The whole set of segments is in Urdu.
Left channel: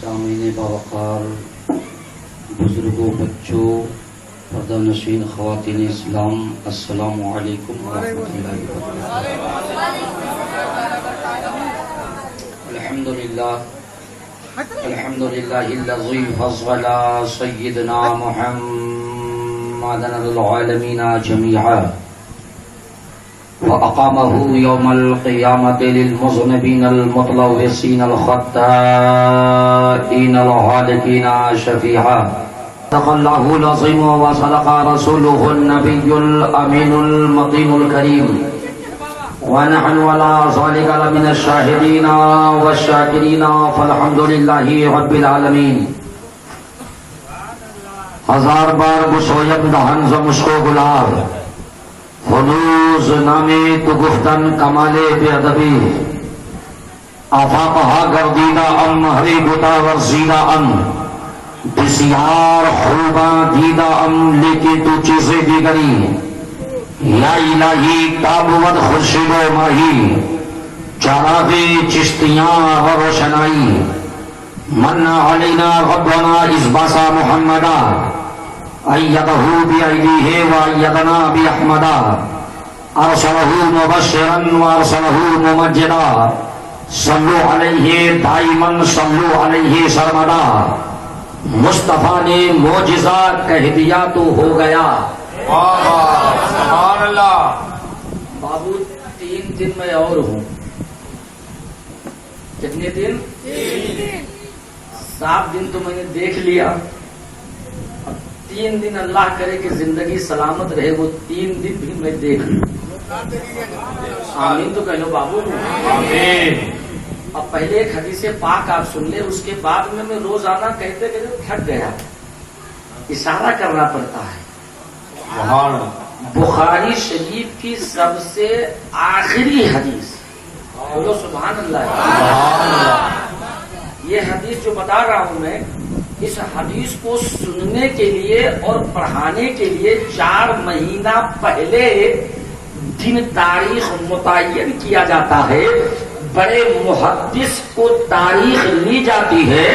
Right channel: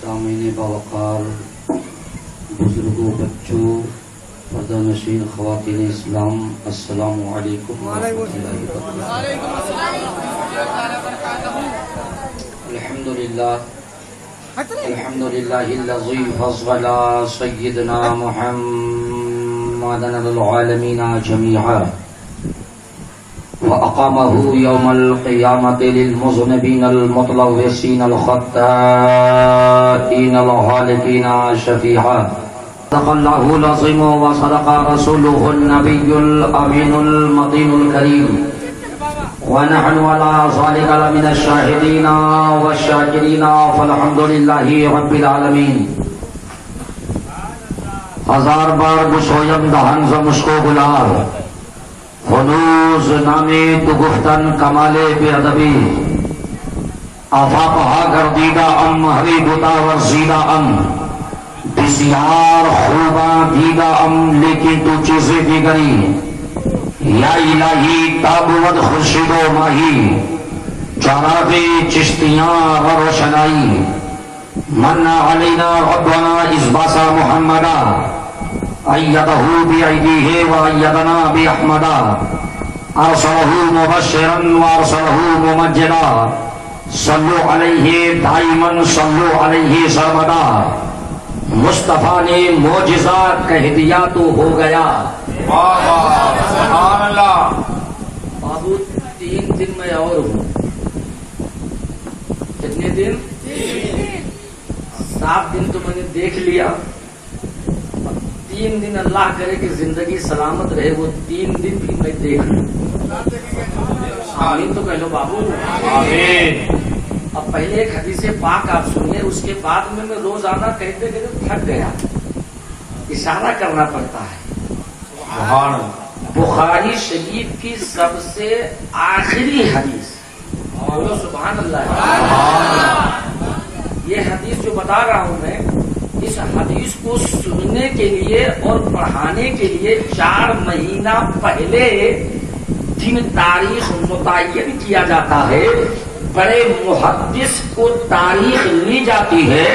سامعین باوقار، بزرگوں، بچوں، پردہ نشین خواتین اسلام، السلام علیکم ورحمۃ اللہ وبرکاتہ۔ الحمدللہ الذی فضل سیدنا محمدا للعالمین جميعا وأقامه يوم القيامة للمذنبين المتلوثين الخطائين الهالكين شفيعا. صدق الله العظيم وصدق رسوله النبي الأمين المطين الكريم، ونحن على ذلك لمن الشاهدين والشاكرين، فالحمد لله رب العالمين. ہزار بار گشویم دہن ز مشکو گلار، فنوز نامی تو گفتن کمالے بے ادبی، آفاقہا گردیدہ ام ہری بتا ورزیدہ ام، بسیار خوباں دیدہ ام لیکن تو چیزیں دیگری، یا الہی تابود خورشید و ماہی، چراغ چشتیاں و روشنائی، من علینا ربنا ازباسا محمدہ، ایدہ بیعیدیہ و ایدنا بیحمدہ، ارسلہ مبشرا و ارسلہ ممجدا، صلو علیہ دائما صلو علیہ سرمدا، مصطفیٰ نے معجزہ کہہ دیا تو ہو گیا۔ سبحان اللہ۔ بابو 3 دن میں اور ہوں۔ کتنے دن؟ 7 دن تو میں نے دیکھ لیا، 3 دن اللہ کرے کہ زندگی سلامت رہے، وہ 3 دن بھی میں دیکھ لوں۔ آمین تو کہہ لو بابو۔ آمین۔ اب پہلے ایک حدیث پاک آپ سن لیں، اس کے بعد میں روزانہ کہتے کہتے تھک گیا، اشارہ کرنا پڑتا ہے۔ سبحان اللہ۔ بخاری شریف کی سب سے آخری حدیث، بولو سبحان اللہ۔ یہ حدیث جو بتا رہا ہوں میں، اس حدیث کو سننے کے لیے اور پڑھانے کے لیے 4 مہینہ پہلے دن تاریخ متعین کیا جاتا ہے، بڑے محدث کو تاریخ لی جاتی ہے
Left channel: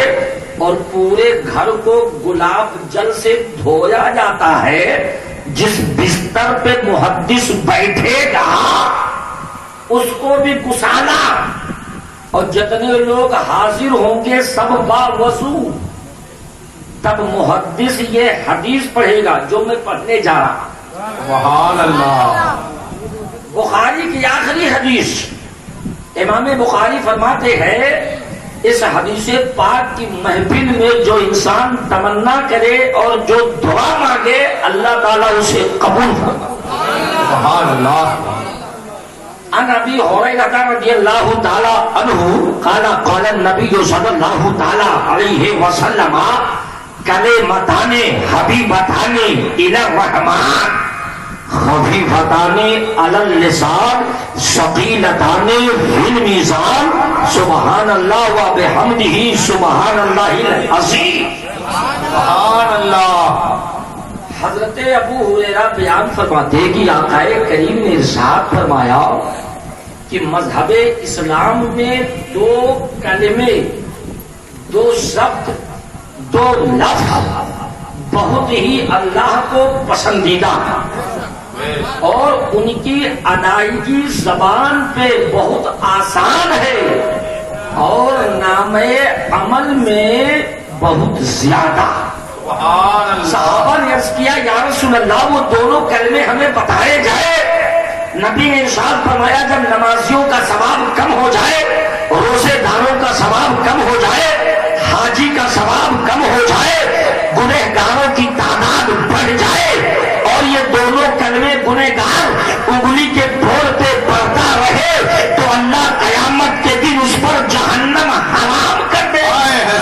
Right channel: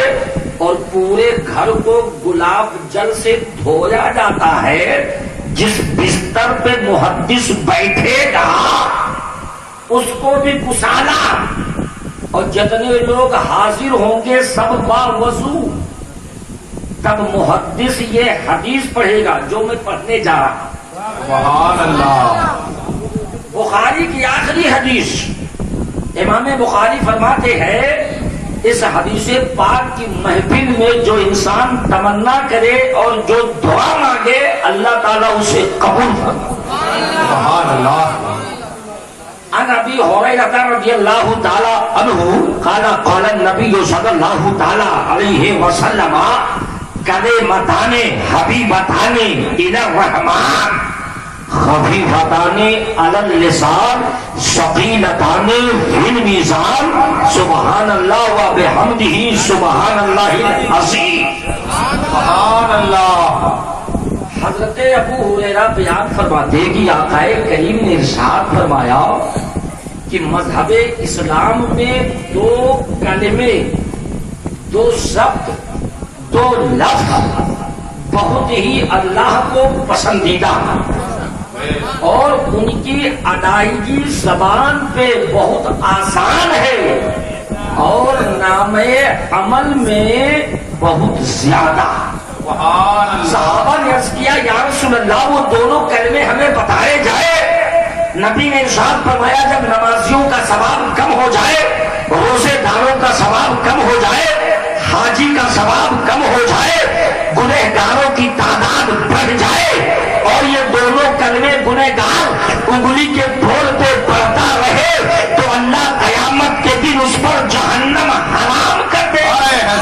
اور پورے گھر کو گلاب جل سے دھویا جاتا ہے۔ جس بستر پہ محدث بیٹھے گا اس کو بھی گسالا، اور جتنے لوگ حاضر ہوں گے سب باوضو، تب محدث یہ حدیث پڑھے گا جو میں پڑھنے جا رہا ہوں۔ سبحان اللہ۔ بخاری کی آخری حدیث، امام بخاری فرماتے ہیں اس حدیث پاک کی محفل میں جو انسان تمنا کرے اور جو دعا مانگے اللہ تعالیٰ اسے قبول فرمائے۔ سبحان اللہ۔ عن ابی ہریرہ رضی اللہ تعالی عنہ قال قال النبی صلی اللہ تعالی علیہ وسلم کلمتان حبیبتان الی الرحمن خفیفتان علی اللسان ثقیلتان فی المیزان سبحان اللہ و بحمدہ سبحان اللہ العظیم۔ سبحان اللہ۔ حضرت ابو ہریرہ بیان فرماتے کہ آقا کریم نے ارشاد فرمایا کہ مذہب اسلام میں 2 کلمے، 2 شبد، 2 لفظ بہت ہی اللہ کو پسندیدہ ہیں اور ان کی ادائیگی زبان پہ بہت آسان ہے اور نام عمل میں بہت زیادہ۔ صحابہ نے عرض کیا یا رسول اللہ وہ دونوں کلمے ہمیں بتائے جائے۔ نبی نے ارشاد فرمایا جب نمازیوں کا ثواب کم ہو جائے، روزے داروں کا ثواب کم ہو جائے، حاجی کا ثواب کم ہو جائے، گنہگاروں کی تعداد بڑھ جائے اور یہ دونوں کلمے گنہگار انگلی کے پھول پہ پڑتا رہے تو اللہ قیامت کے دن اس پر جہنم حرام کر دے۔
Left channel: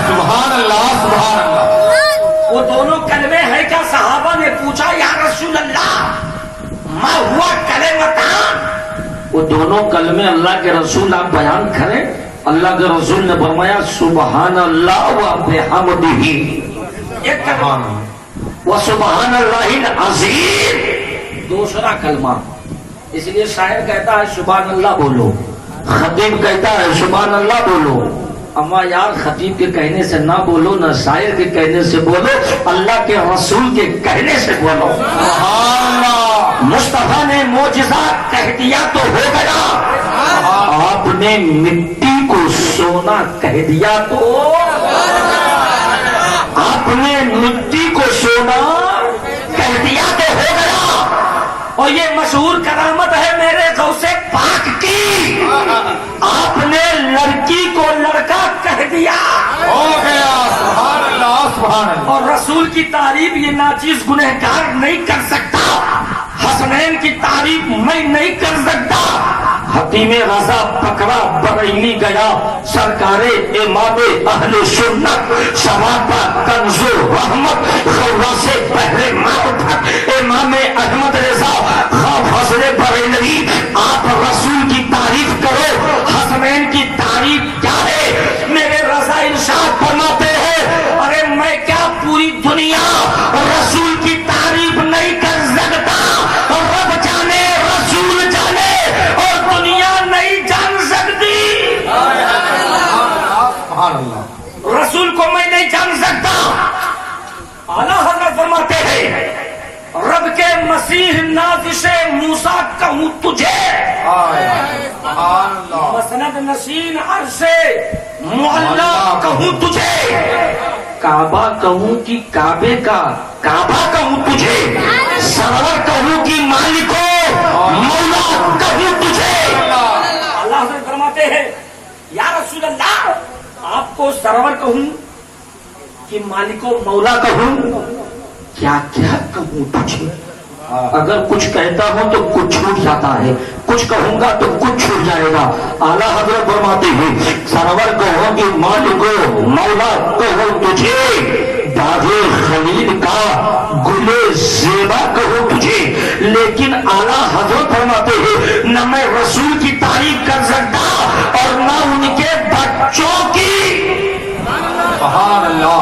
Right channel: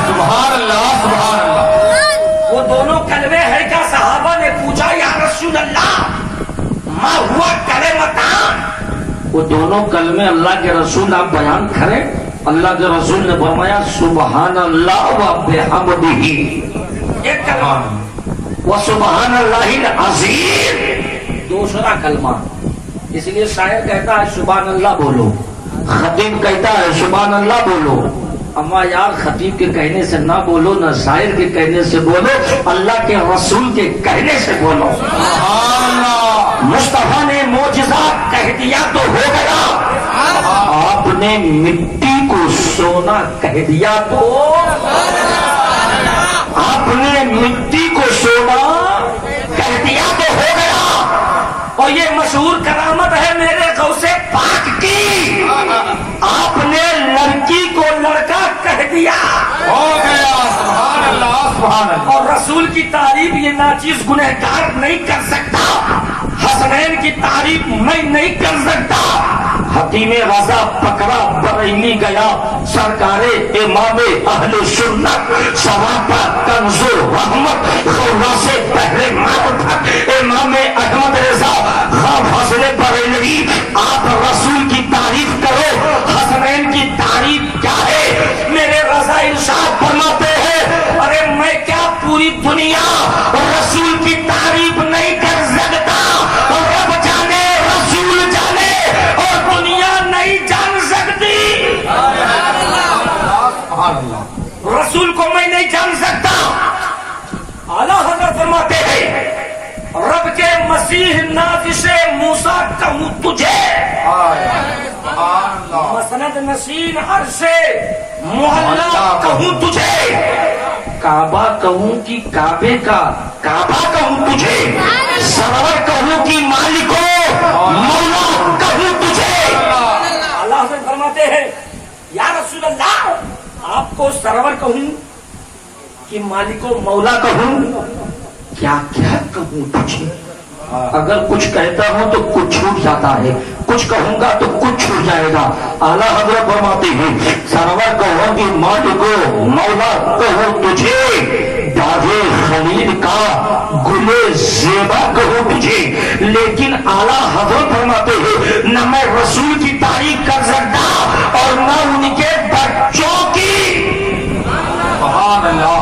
سبحان اللہ۔ سبحان اللہ۔ وہ دونوں کلمے ہیں کیا؟ صحابہ نے پوچھا یا رسول اللہ ما ہوا کلمتان؟ وہ دونوں کلمے اللہ کے رسول آپ بیان کریں۔ اللہ کے رسول نے فرمایا سبحان اللہ و بحمدہ، ایک کلمہ، و سبحان اللہ العظیم دوسرا کلمہ۔ اس لیے شاعر کہتا ہے سبحان اللہ بولو، خطیب کہتا ہے سبحان اللہ بولو، اما یار خطیب کے کہنے سے نہ بولو، نہ شاعر کے کہنے سے بولو، اللہ کے رسول کے کہنے سے بولو۔ سبحان اللہ، مصطفیٰ نے معجزات کہہ دیا تو ہو گیا، آپ نے مٹی کو سونا کہہ دیا تو، آپ نے مٹی کو سونا کہہ دیا تو ہو گیا۔ اور یہ مشہور کرامت ہے میرے غوث پاک کی، آپ نے لڑکی کو لڑکا کہہ دیا ہو گیا۔ سبحان اللہ، سبحان اللہ۔ اور رسول کی تعریف یہ ناچیز گنہگار نہیں کر سکتا، حسنین کی تعریف میں نہیں کر سکتا۔ حکیم رضا پکڑا بریلی گیا، سرکار امام اہل سنت شبابہ کنز رحمت غورا سے پہلے موت، امام احمد رضا خواب حسن بریلوی، آپ رسول کی تعریف کرو، حسنین کی تعریف کیا ہے؟ میرے رضا ارشاد فرماتے ہیں ارے میں کیا پوری دنیا رسول کی تعریف نہیں کر سکتا، رب جانے رسول جانے اور دنیا نہیں جان سکتی، سبحان اللہ، رسول کو میں نہیں جان سکتا۔ اعلیٰ حضرت فرماتے ہیں رب کے مسیح نازش موسیٰ کہوں تجھے، سبحان اللہ، مسند نشین عرش معلا کہوں تجھے، کعبہ کہوں کہ کعبے کا کعبہ کہوں تجھے، سرور کہوں کہ مالکو مولا کہوں تجھے۔ اللہ حضرت فرماتے ہیں یا رسول اللہ آپ کو سرور کہوں کہ مالکو مولا کہوں، کیا کیا کہوں تجھے؟ اگر کچھ کہتا ہوں تو کچھ چھوٹ جاتا ہے، کچھ کہوں گا تو کچھ چھوٹ جائے گا۔ اعلیٰ حضرت فرماتے ہیں سرور کہوں کہ مالکو مولا کہوں تجھے، باغ خلید کا گلے زیبا کہوں تجھے، لیکن اعلیٰ حضرت فرماتے ہیں نہ میں رسول کی تعریف کر سکتا اور نہ ان کے بچوں کی۔ سبحان اللہ،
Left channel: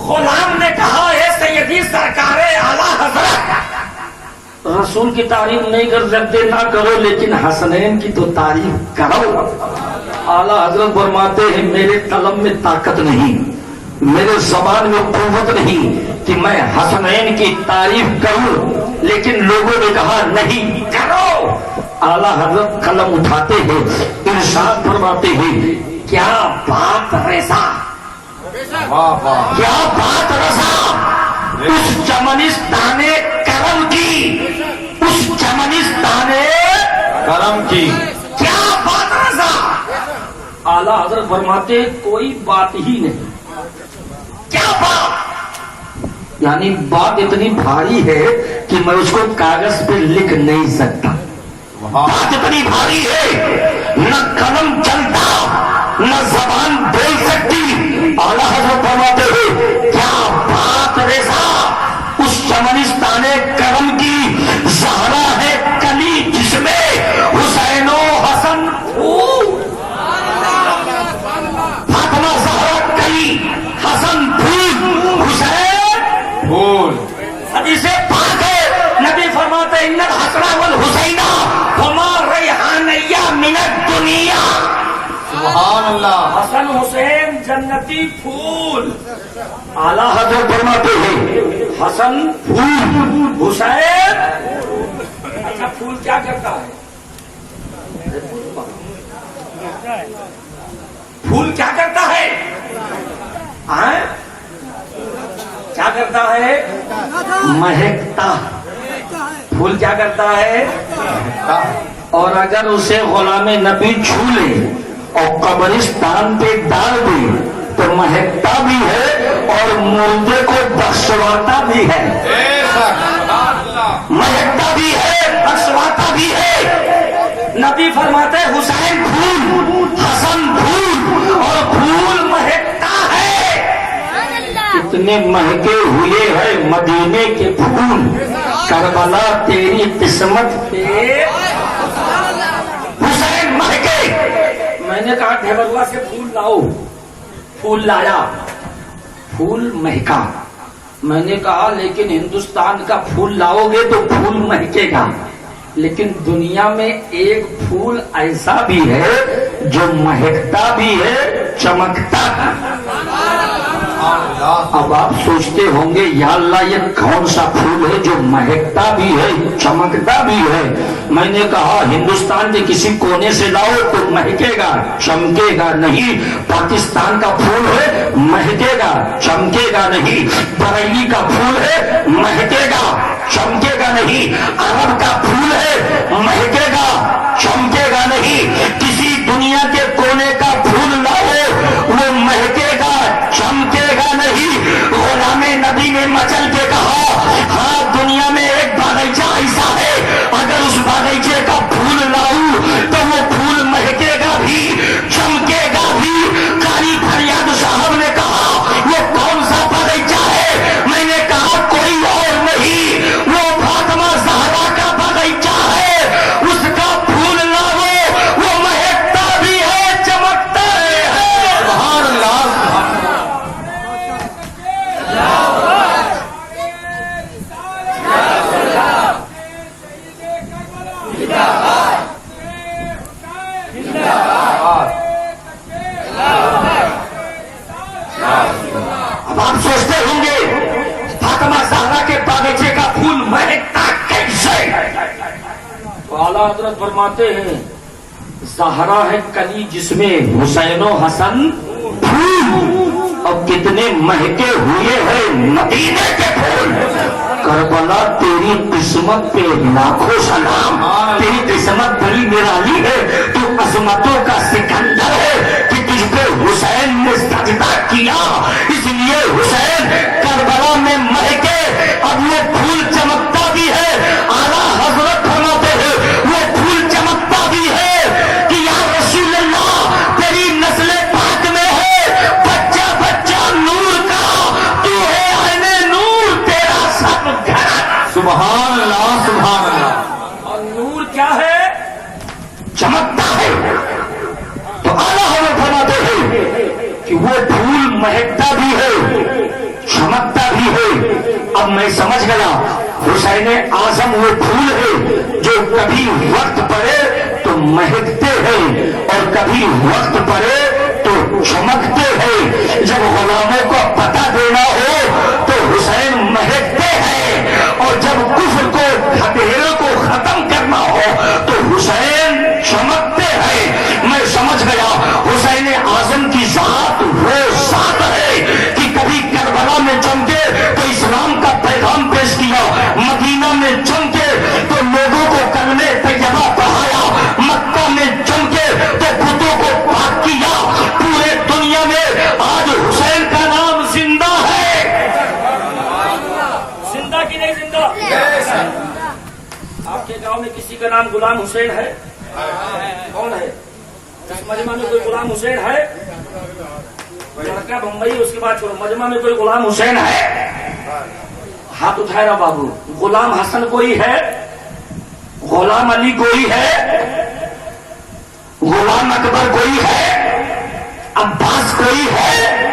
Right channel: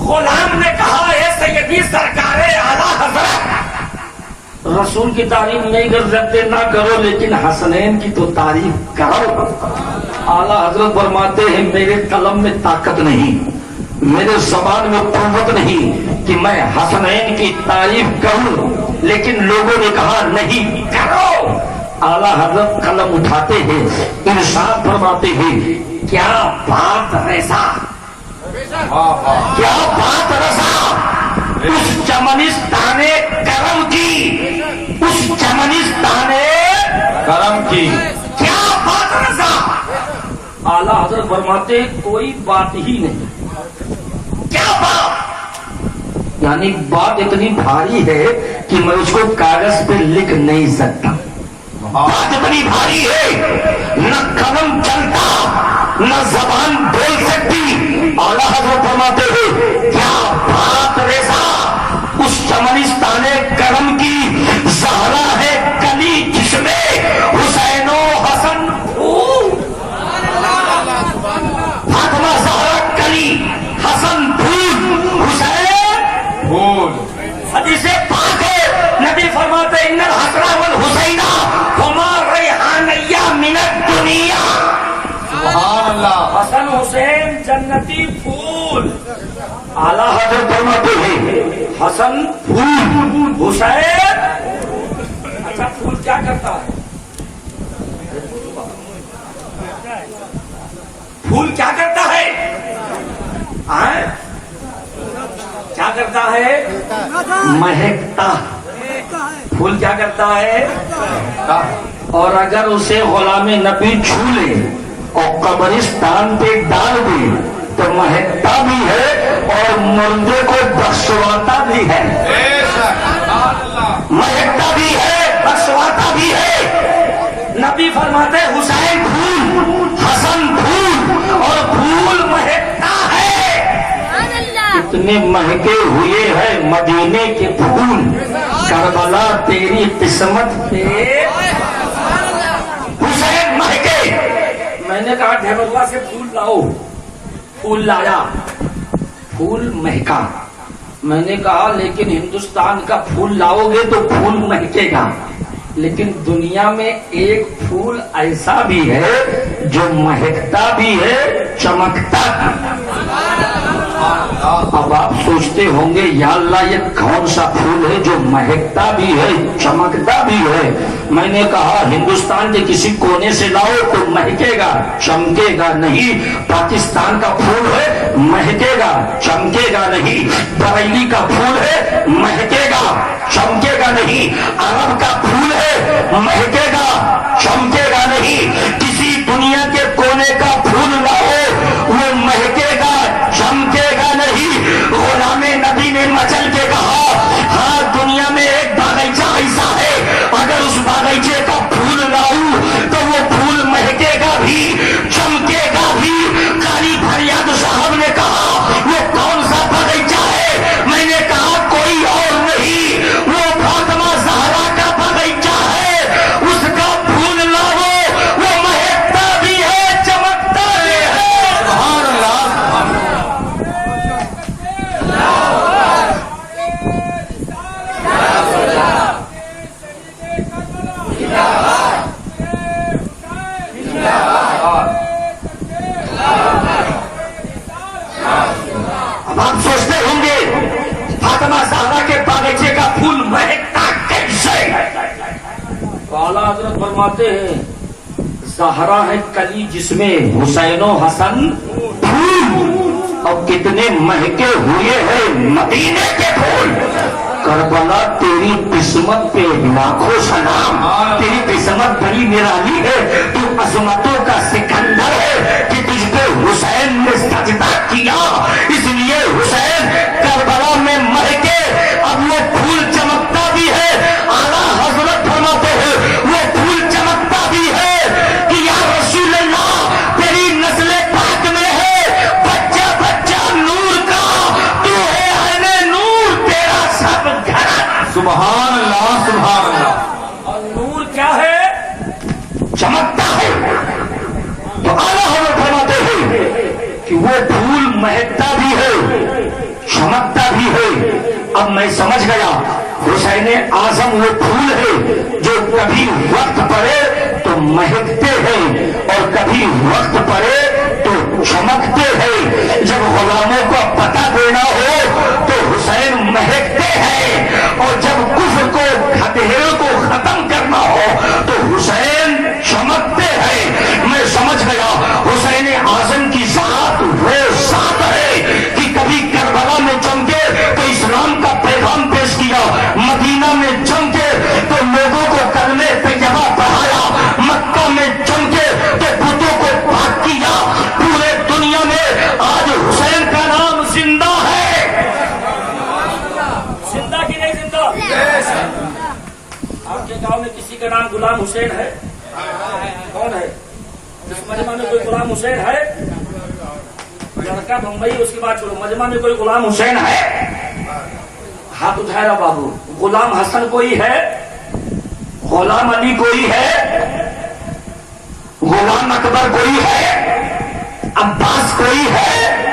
غلام نے کہا ہے سیدی سرکار اعلیٰ حضرت رسول کی تعریف نہیں کر سکتے نہ کرو، لیکن حسنین کی تو تعریف کرو۔ اعلیٰ حضرت فرماتے ہیں میرے قلم میں طاقت نہیں، میرے زبان میں قوت نہیں کہ میں حسنین کی تعریف کروں، لیکن لوگوں نے کہا نہیں کرو۔ اعلیٰ حضرت قلم اٹھاتے ہیں، ارشاد فرماتے ہیں کیا بات رضا، کیا بات رضا اس چمنستان کرم کی، اس چمنستان کرم کی، کیا بات رضا۔ اعلیٰ حضرت فرماتے کوئی بات ہی نہیں، کیا بات، یعنی بات اتنی بھاری ہے کہ میں اس کو کاغذ پہ لکھ نہیں سکتا، بات اتنی بھاری ہے نہ قلم چلتا نہ زبان بول سکتی۔ اعلیٰ حضرت فرماتے ہیں کیا بات رضا اس چمنستان کرم کی، زہرا ہے کلی جس میں حسین و حسن پھول، فاطمہ زہرا کلی حسن پھول حسین پھول۔ حدیث پاک ہے نبی فرماتے ان الحسن والحسین ہما ریحانیہ من الدنیا، سبحان اللہ، حسن حسین جنتی پھول۔ اعلیٰ حضرت فرماتے ہیں حسن پھول حسین، اچھا پھول کیا کرتا ہے؟ پھول کیا کرتا ہے؟ کیا کرتا ہے؟ مہکتا۔ پھول کیا کرتا ہے؟ اور اگر اسے غلام نبی چھو لے اور قبرستان پہ ڈال دے تو مہکتا بھی ہے اور مردے کو بخشواتا بھی ہے، مہکتا بھی ہے بخشواتا بھی ہے۔ نبی فرماتے حسین پھول، حسن پھول اور پھول مہکتا ہے، اتنے مہکے ہوئے ہیں مدینے کے پھول، کربلا تیری قسمت پہ حسین مہکے۔ میں نے کہا ڈھیبروا سے پھول لاؤ، پھول لایا، پھول مہکا۔ میں نے کہا لیکن ہندوستان کا پھول لاؤ گے تو پھول مہکے گا، لیکن دنیا میں ایک پھول ایسا بھی ہے جو مہکتا بھی ہے چمکتا بھی۔ اب آپ سوچتے ہوں گے یا اللہ یہ کون سا پھول ہے جو مہکتا بھی ہے چمکتا بھی ہے؟ میں نے کہا ہندوستان کے کسی کونے سے لاؤ تو مہکے گا چمکے گا نہیں۔ پاکستان کا پھول ہے مہکے گا چمکے گا نہیں۔ بریلی کا پھول ہے مہکے گا چمکے گا نہیں۔ عرب کا پھول ہے مہکے گا چمکے گا نہیں۔ کسی دنیا کے کونے کا پھول لاؤ وہ مہکے گا چمکے گا نہیں۔ غلام نبی نے مچل کے کہا ہاں دنیا میں ایک باغیچہ ایسا ہے اگر اس باغیچے کا پھول لاؤں تو وہ پھول مہکے گا بھی چمکے گا بھی۔ قاری فریاد صاحب نے کہا وہ کون سا باغیچہ ہے؟ میں نے کہا کوئی اور نہیں وہ فاطمہ زہرا کا باغیچہ ہے۔ اس کا پھول لاؤ وہ مہکتا بھی ہے چمکتا بھی ہے۔ سبحان اللہ۔ اب آپ سوچتے ہوں گے فاطمہ زہرا کے باغیچے کا پھول مہکتا کیسے؟ اعلیٰ حضرت فرماتے ہیں زہرا ہے کلی جس میں حسین و حسن پھول، اور کتنے مہکے ہوئے ہیں مدینے کے پھول۔ کربلا تیری قسمت پہ لاکھوں سلام، تیری قسمت بڑی نرالی ہے، تو عظمتوں کا سکندر ہے کہ تجھ پہ حسین نے سجدہ کیا، اس لیے حسین کربلا میں مہکے۔ اب وہ پھول چمکتا بھی ہے، اعلیٰ حضرت فرماتے ہیں وہ پھول چمکتا بھی ہے کہ یا رسول اللہ تیری نسل پاک میں ہے بچہ بچہ نور کا، تو ہے عین نور تیرا سب گھرانا۔ سبحان اللہ سبحان اللہ۔ اور نور کیا ہے؟ چمکتا ہے۔ تو اعلیٰ حضرت فرماتے ہیں کہ وہ پھول مہکتا بھی ہے چمکتا بھی ہے۔ اب میں سمجھ گیا حسین اعظم وہ پھول ہے جو کبھی وقت پڑے تو مہکتے ہیں اور کبھی وقت پڑے تو چمکتے ہیں۔ جب غلاموں کو پتہ دینا ہو تو حسین مہکتے ہیں، اور جب کفر کو ہتھیروں کو ختم کرنا ہو تو حسین چمکتے ہیں۔ میں سمجھ گیا حسین اعظم کی ذات وہ ذات ہے کہ کبھی کربلا میں چمکے تو اسلام کا پیغام پیش کیا، مدینہ میں چمکے تو لوگوں کو کلمے طیبہ پڑھایا، مکہ میں چمکے تو بتوں کو پاک کیا۔ پورے دنیا میں آج حسین کا نام زندہ ہے۔ زندہ کی نہیں زندہ؟ آپ کے گاؤں میں کسی کا نام غلام حسین ہے؟ کون ہے؟ اس مجمع میں کوئی غلام حسین ہے؟ لڑکا بمبئی اس کے بعد چھوڑو، مجمع میں کوئی غلام حسین ہے؟ ہاتھ اٹھائے بابو۔ غلام حسن کوئی ہے؟ غلام علی کوئی ہے؟ غلام اکبر کوئی ہے؟ عباس کوئی ہے؟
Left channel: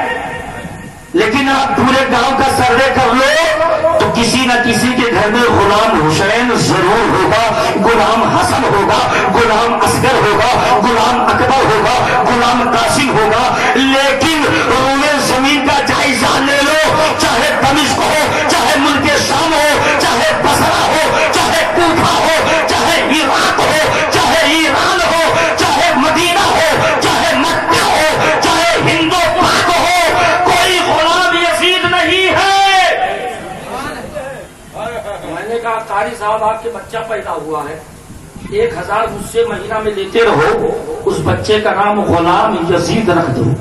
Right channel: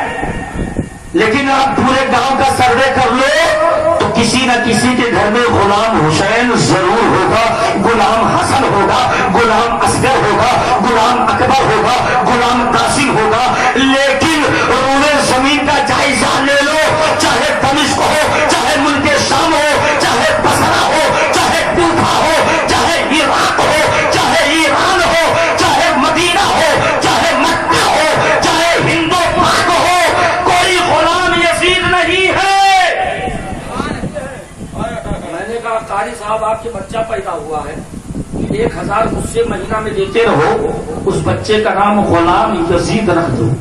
لیکن آپ پورے گاؤں کا سروے کر لو تو کسی نہ کسی کے گھر میں غلام حسین ضرور ہوگا، غلام حسن ہوگا، غلام اصغر ہوگا، غلام اکبر ہوگا، غلام قاسم ہوگا۔ لیکن روئے زمین کا جائزہ لے لو، چاہے دمشق ہو، چاہے ملک شام ہو، چاہے بصرہ ہو، چاہے کوفہ ہو، چاہے عراق ہو، چاہے ایران ہو، چاہے مدینہ ہو، چاہے مکہ ہو، چاہے ہند و پاک ہو، کوئی غلام یزید نہیں ہے۔ میں نے کہا قاری صاحب آپ کے بچہ پیدا ہوا ہے، 1000 مجھ سے مہینہ میں لیتے رہو، اس بچے کا نام غلام یزید رکھ دو۔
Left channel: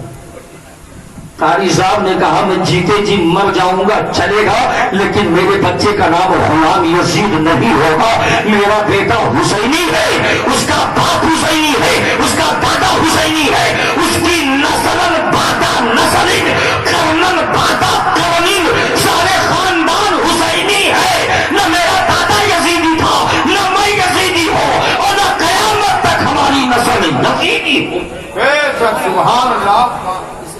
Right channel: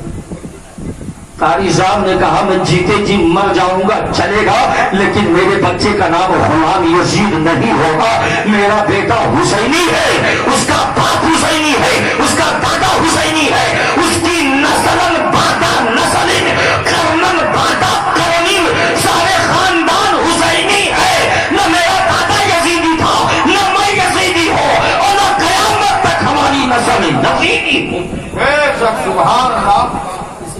قاری صاحب نے کہا میں جیتے جی مر جاؤں گا چلے گا، لیکن میرے بچے کا نام غلام یزید نہیں ہوگا۔ میرا بیٹا حسینی ہے، اس کا باپ حسینی ہے، اس کا دادا حسینی ہے، اس کی نسل بادا نسل کرنن بادا کرنن سارے خاندان حسینی ہے۔ نہ میرا دادا یزیدی تھا، نہ میں یزیدی ہوں، اور نہ قیامت تک ہماری نسل یزیدی ہو۔ سبحان اللہ۔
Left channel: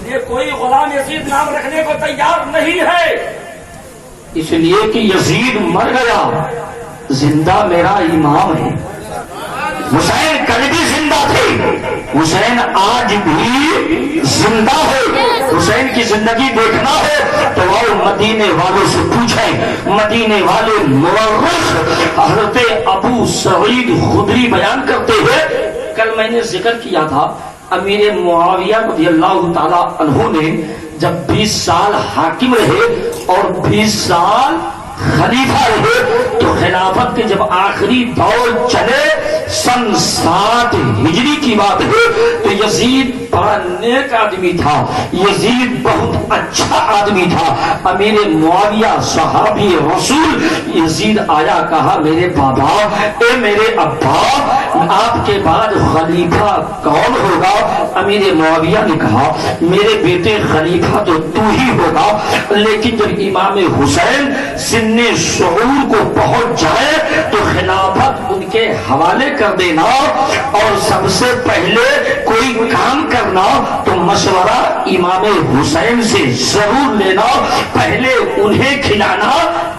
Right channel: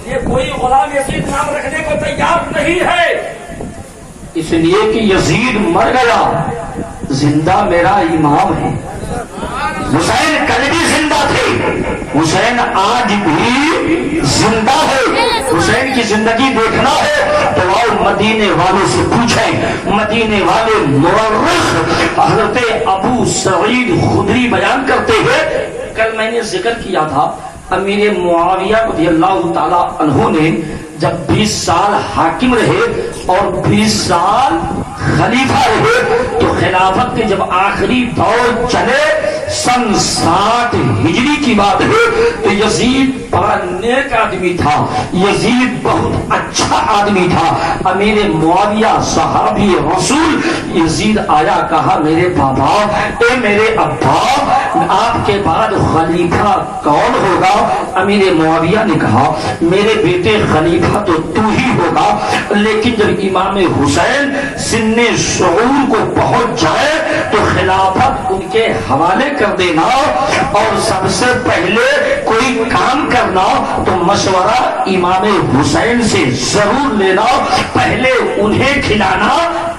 یہ کوئی غلام یزید نام رکھنے کو تیار نہیں ہے، اس لیے کہ یزید مر گیا، زندہ میرا امام ہے. حسین کل بھی زندہ تھے، حسین آج بھی زندہ ہے. حسین کی زندگی دیکھنا ہے تو آؤ مدینے والوں سے پوچھیں. مدینے والے مورخ حضرت ابو سعید خدری بیان کرتے ہوئے، کل میں نے ذکر کیا تھا امیر معاویہ رضی اللہ تعالی عنہ نے جب 20 سال حاکم رہے اور 20 سال خلیفہ رہے تو خلافت کے جب آخری دور چلے سن 7 ہجری کی بات ہے تو یزید بڑا نیک آدمی تھا، یزید بہت اچھا آدمی تھا. امیر معاویہ صحابی رسول، یزید آیا کہا میرے بابا، اے میرے ابا، آپ کے بعد خلیفہ کون ہوگا؟ امیر معاویہ نے کہا میرے بیٹے خلیفہ تو تو ہی ہوگا، لیکن جب امام حسین سن شعور کو پہنچ جائے تو خلافت ان کے حوالے کر دینا اور سب سے پہلے کوئی کام کرنا تو مشورہ امام حسین سے ضرور لینا، پہلے انہیں کھلانا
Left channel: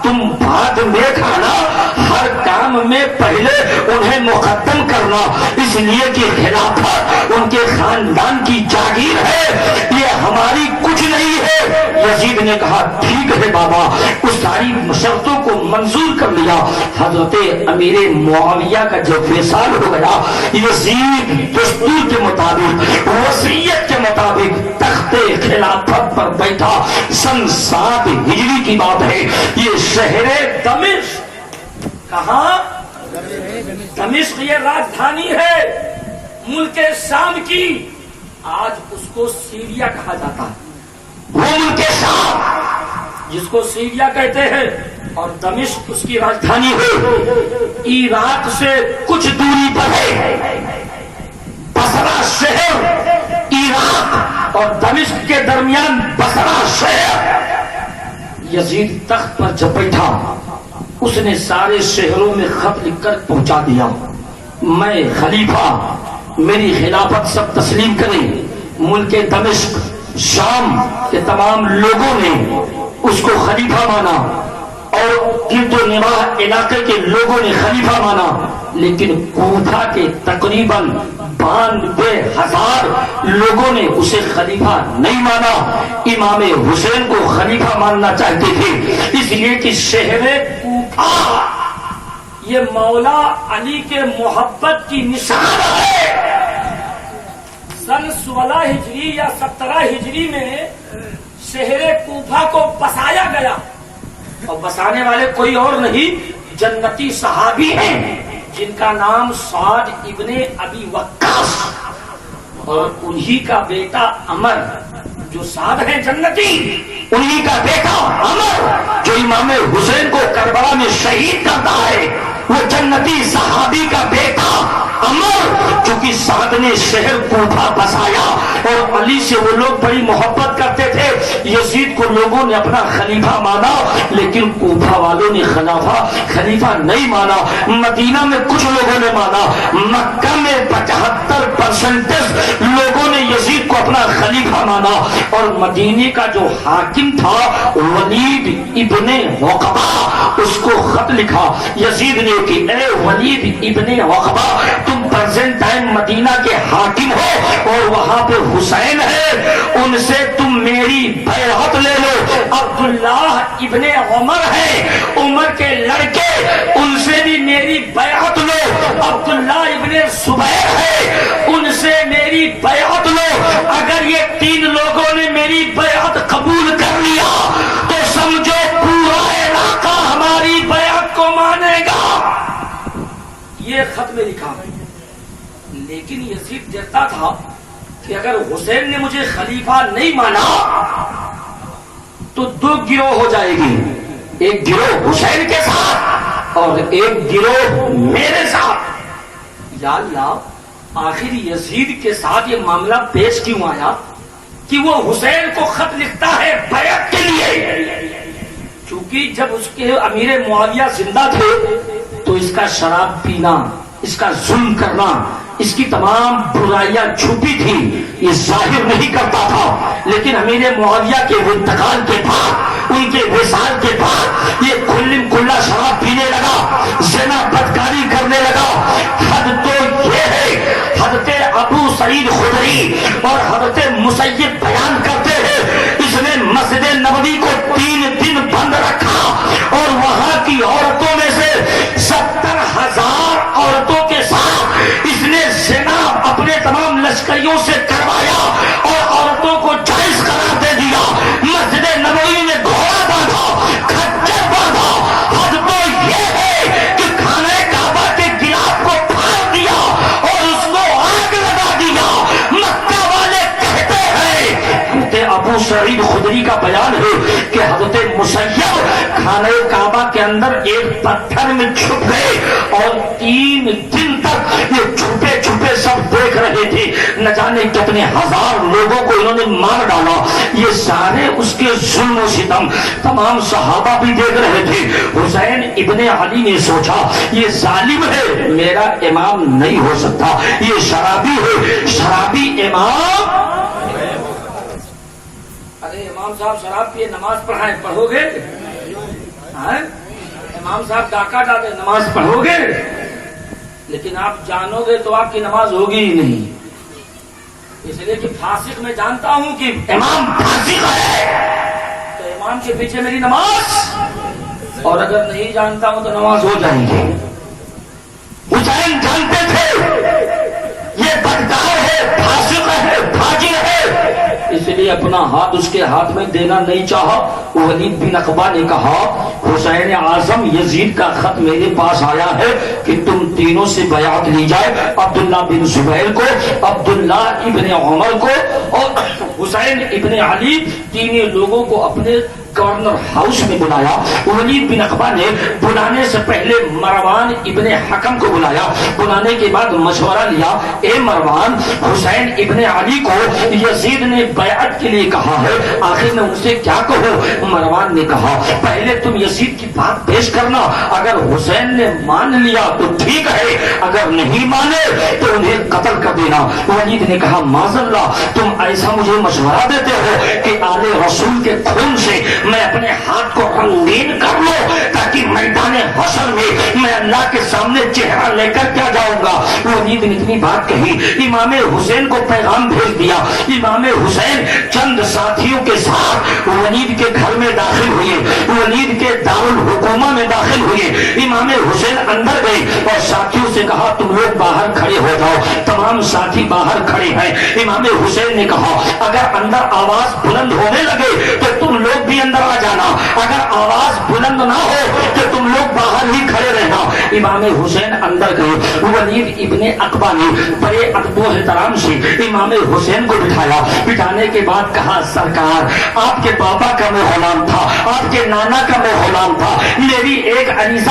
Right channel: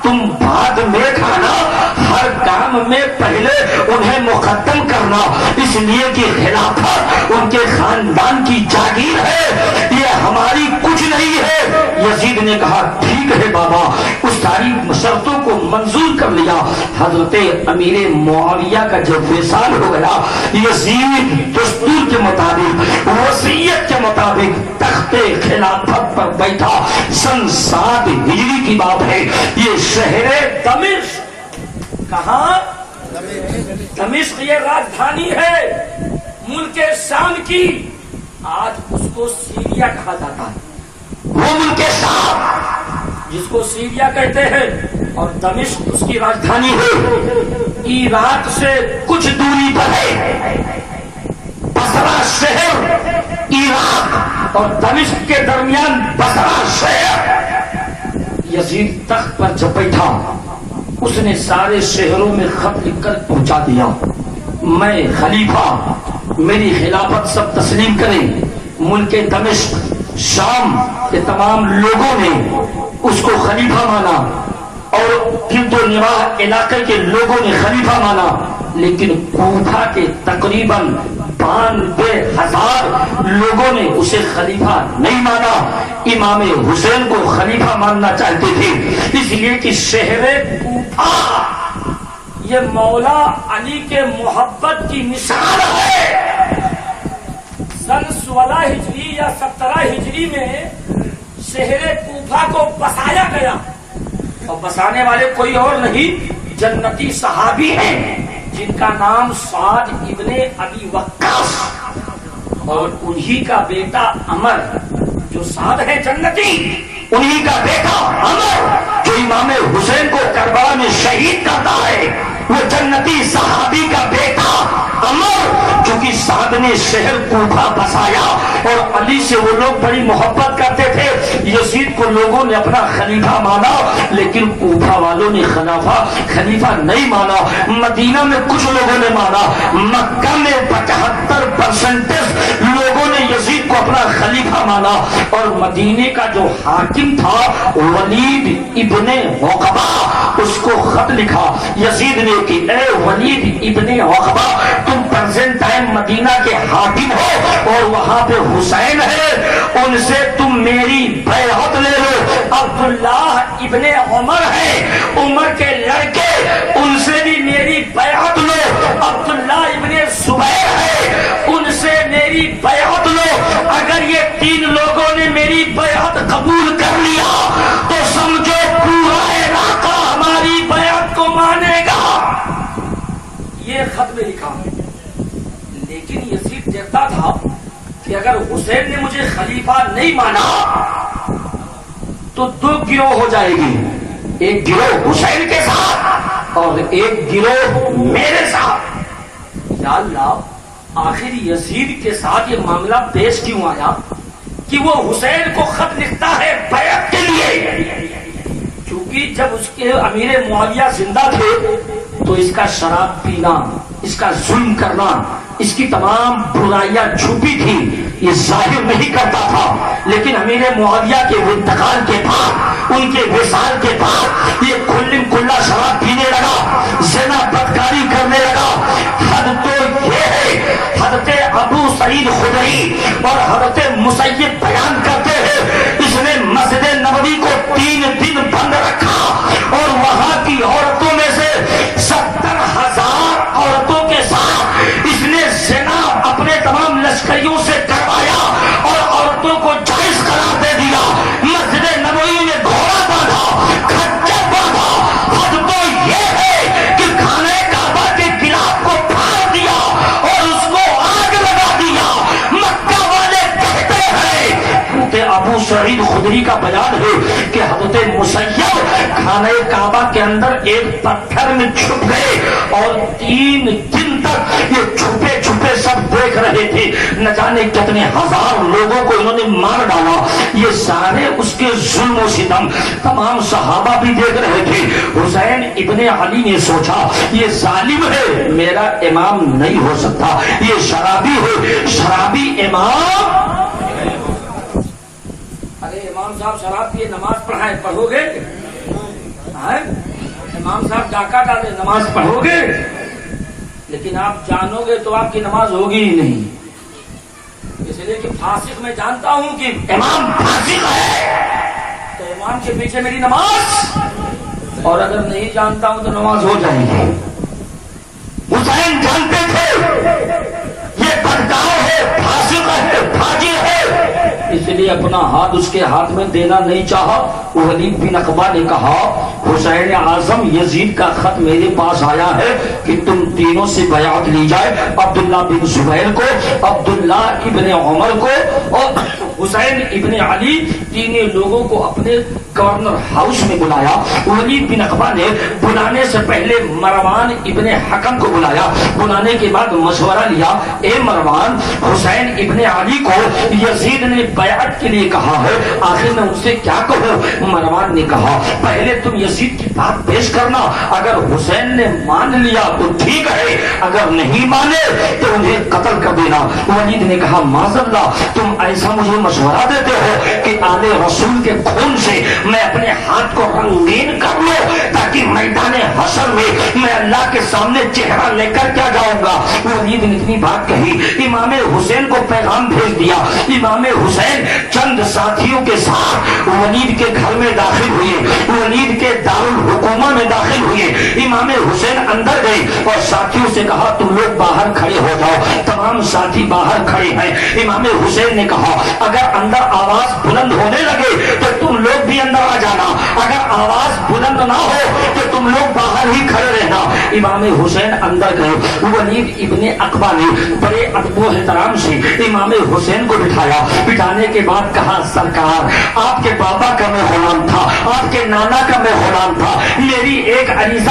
تم بعد میں کھانا، ہر کام میں پہلے انہیں مقدم کرنا، اس لیے کہ خلافت ان کے خاندان کی جاگیر ہے، یہ ہماری کچھ نہیں ہے. یزید نے کہا ٹھیک ہے بابا، اس ساری شرطوں کو منظور کر لیا. حضرت امیر معاویہ کا جب وصال ہو گیا، یزید دستور کے مطابق، وصیت کے مطابق تخت خلافت پر بیٹھا. سن 7 ہجری کی بات ہے. یہ شہر دمشق، کہاں؟ دمشق یہ راجدھانی ہے ملک شام کی. آج اس کو سیریا کہا جاتا ہے، وہ ملک شام جس کو سیریا کہتے ہیں، اور دمشق اس کی راجدھانی ہے. عراق سے کچھ دوری پر ہے. بصرہ شہر عراق اور دمشق کے درمیان بصرہ شہر. یزید تخت پر جب بیٹھا اس نے سارے شہروں میں خط لکھ کر پہنچا دیا، میں خلیفہ، میری خلافت سب تسلیم کریں. ملک دمشق شام کے تمام لوگوں نے اس کو خلیفہ مانا اور گرد و نواح علاقے کے لوگوں نے خلیفہ مانا، لیکن کوفہ کے تقریباً 92,000 لوگوں نے اسے خلیفہ نہیں مانا. امام حسین کو خلیفہ ماننا چاہتے تھے، اس لیے کہ شہر کوفہ یہ مولا علی کے محبت کی نشان ہے. سن 16 ہجری یا 17 ہجری میں شہر کوفہ کو بسایا گیا، اور بسانے والے کوئی اور نہیں جنتی صحابی ہیں جن کا نام سعد ابن ابی وقاص، اور انہی کا بیٹا عمر جو سعد ہے جنتی، انہی کا بیٹا عمر جو امام حسین کو کربلا میں شہید کرتا ہے، وہ جنتی صحابی کا بیٹا عمر، چونکہ سعد نے شہر کوفہ بسایا اور علی سے وہ لوگ بڑی محبت کرتے تھے. یزید کو لوگوں نے اپنا خلیفہ مانا لیکن کوفہ والوں نے خلیفہ نہیں مانا. مدینہ میں کچھ لوگوں نے مانا، مکہ میں 75% لوگوں نے یزید کو اپنا خلیفہ مانا. اور مدینے کا جو حاکم تھا ولید ابن عقبہ، اس کو خط لکھا یزید نے کہ اے ولید ابن عقبہ، تم پرزینٹ ٹائم مدینہ کے حاکم ہو اور وہاں پہ حسین ہے، ان سے تم میری بیعت لے لو. عبداللہ ابن عمر ہے، عمر کے لڑکے، ان سے بھی میری بیعت لو. عبداللہ ابن زبیر ہے، ان سے میری بیعت لو. اگر یہ 3 لوگوں نے میری بیعت قبول کر لیا تو سمجھو پورا علاقہ ہماری بیعت کو مانے گا. یہ خط میں لکھا. لیکن یزید ڈرتا تھا کہ اگر حسین نے مجھے خلیفہ نہیں مانا تو 2 گروہ ہو جائے گی، ایک گروہ حسین کے ساتھ اور ایک گروہ میرے ساتھ. یا اللہ، آخر یزید کے ساتھ یہ معاملہ پیش کیوں آیا کہ وہ حسین کو خط لکھتا ہے بیعت کے لیے؟ کیونکہ جب اس کے امیر معاویہ زندہ تھے تو اس کا شراب پینا، اس کا ظلم کرنا، اس کی تمام برائیاں چھپی تھی، یہ ظاہر نہیں کرتا تھا. لیکن امیر معاویہ کے انتقال کے بعد ان کے وصال کے بعد یہ کلم کلا شراب پینے لگا، زنا بدکاری کرنے لگا۔ حد تو یہ ہے، حضرت ابو سعید خدری اور حضرت مسیب بیان کرتے ہیں اس نے مسجد نبوی کو 3 دن بند رکھا اور وہاں کی عورتوں میں سے 70,000 عورتوں کے ساتھ اس نے زنا اپنے تمام لشکریوں سے کروایا اور عورتوں کو جائز قرار دے دیا۔ مسجد نبوی نے گھوڑا باندھا، کھچر باندھا۔ حد تو یہ ہے کہ خانہ کعبہ کے گلاف کو پھاڑ دیا اور اس کو آگ لگا دیا۔ مکہ والے کہتے ہیں، حضرت ابو سعید خدری کا بیان ہے کہ حضرت مسیب خانہ کعبہ کے اندر ایک پتھر میں چھپ گئے اور 3 دن تک یہ چھپے چھپے سب دیکھ رہے تھے۔ نہ جانے کتنے ہزار لوگوں کو انہوں نے مار ڈالا۔ یہ سارے اس کے ظلم و ستم تمام صحابہ بھی دیکھ رہے تھے۔ حسین ابن علی نے سوچا یہ ظالم ہے، میرا امام نہیں ہو سکتا، یہ شرابی ہے، شرابی امام۔ ارے امام صاحب شراب پیے نماز پڑھائیں، پڑھو گے؟ امام صاحب ڈاکہ ڈالے، نماز پڑھو گے؟ لیکن آپ جانو گے تو آپ کی نماز ہوگی ہی نہیں، اس لیے کہ فاسق میں جانتا ہوں کہ امام فاسق ہے تو امام کے پیچھے میری نماز، اور اگر نہیں جانتا ہوں تو نماز ہو جائے گی۔ حسین جانتے تھے یہ بدکار ہے، فاسق ہے، فاجر ہے، اس لیے اپنا ہاتھ اس کے ہاتھ میں دینا نہیں چاہا۔ ولید بن عقبہ نے کہا حسین اعظم یزید کا خط میرے پاس آیا ہے کہ تم تینوں سے بیعت لی جائے، عبداللہ بن زبیر کو، عبداللہ ابن عمر کو اور حسین ابن علی، تینوں لوگوں کو اپنے گورنر ہاؤس میں بلایا۔ ولید بن عقبہ نے بلانے سے پہلے مروان ابن حکم کو بلایا، بلانے کے بعد مشورہ لیا، اے مروان، حسین ابن علی کو یزید نے بیعت کے لیے کہا ہے، آخر میں ان سے کیا کہوں؟ مروان نے کہا پہلے تم یزید کی بات پیش کرنا، اگر حسین نے مان لیا تو ٹھیک ہے، اگر نہیں مانے تو انہیں قتل کر دینا۔ ولید نے کہا معاذ اللہ، تم ایسا مجھے مشورہ دیتے ہو کہ آل رسول کے خون سے میں اپنے ہاتھ کو رنگین کر لوں تاکہ میدان حشر میں اللہ کے سامنے چہرہ لے کر کیا جاؤں گا؟ ولید نے اتنی بات کہی، امام حسین کو پیغام بھیج دیا۔ امام حسین چند ساتھیوں کے ساتھ ولید کے گھر میں داخل ہوئے، ولید کے دارالحکومہ میں داخل ہوئے۔ امام حسین اندر گئے اور ساتھیوں سے کہا تم لوگ باہر کھڑے ہو جاؤ۔ تمام ساتھی باہر کھڑے ہیں۔ امام حسین نے کہا اگر اندر آواز بلند ہونے لگے تو تم لوگ بھی اندر آ جانا، اگر آواز بلند نہ ہو تو تم لوگ باہر ہی کھڑے رہنا۔ امام حسین اندر گئے۔ ولید ابن عقبہ نے بڑے ادب و احترام سے امام حسین کو بٹھایا۔ بٹھانے کے بعد کہا سرکار آپ کے بابا کا میں غلام تھا، آپ کے نانا کا میں غلام تھا، میری ایک عریضہ